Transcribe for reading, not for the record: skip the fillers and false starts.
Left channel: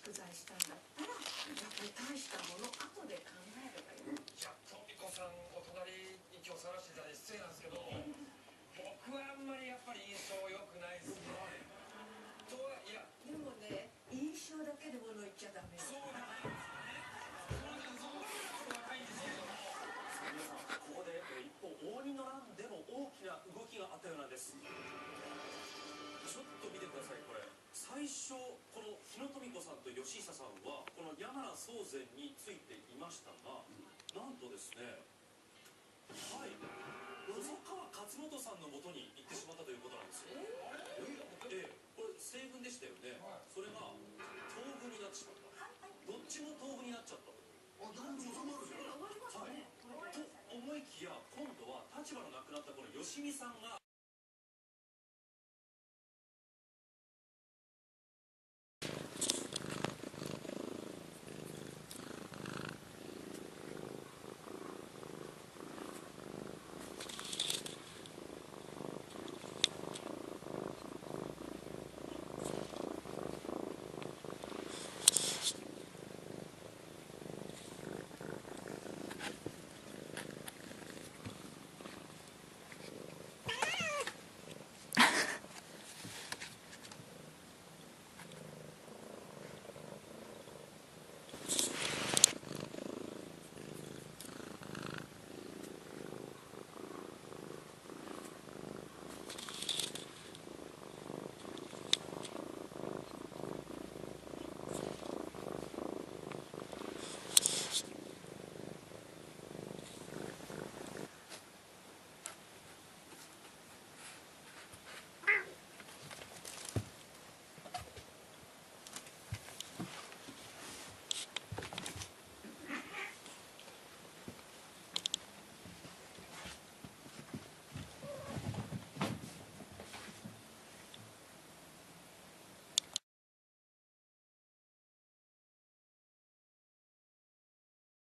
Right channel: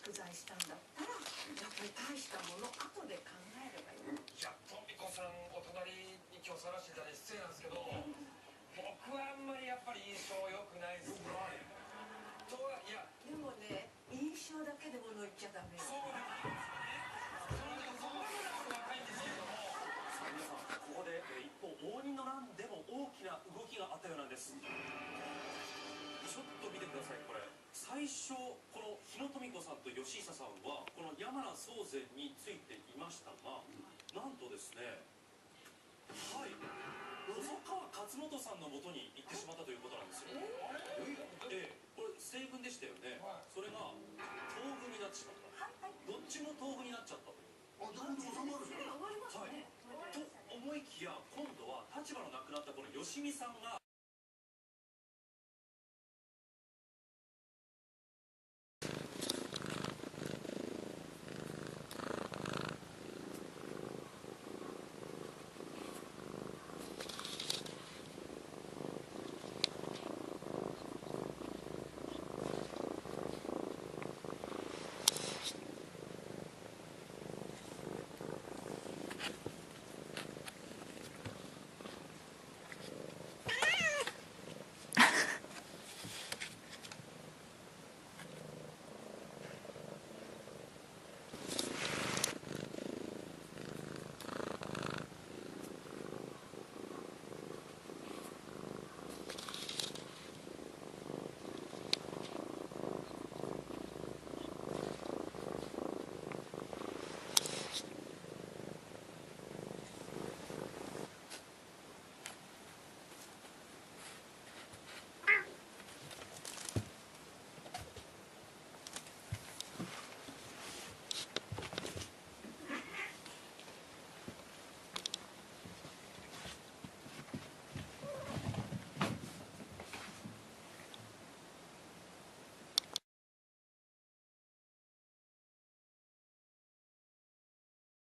蓄財したんだったらやっぱり大したもの後で考えればいい。いや、トミコさんお隣に今日探してたら失礼なんですけど、僕はあんまりやっぱり印象良くないですね。とはいやでもね、印象だけで物言っちゃダメよ。そうなんですね。そう若いんですけども。皆さん、ここで一方応仁の乱でも大きな動きがあったようなんです。ちょっと見てください。これ最初この日野富子さんと吉久さんはこの山名宗全についていましたが、なんとですね、はい細川勝元さんのもとに行ってしまったということなんですよ。これ西軍でしたよね。それが東軍になってしまった。どっちも東軍になっちゃったという。あ、だって収まるじゃん。はい、と思いきや今度は立場のなくなったこの吉見さんが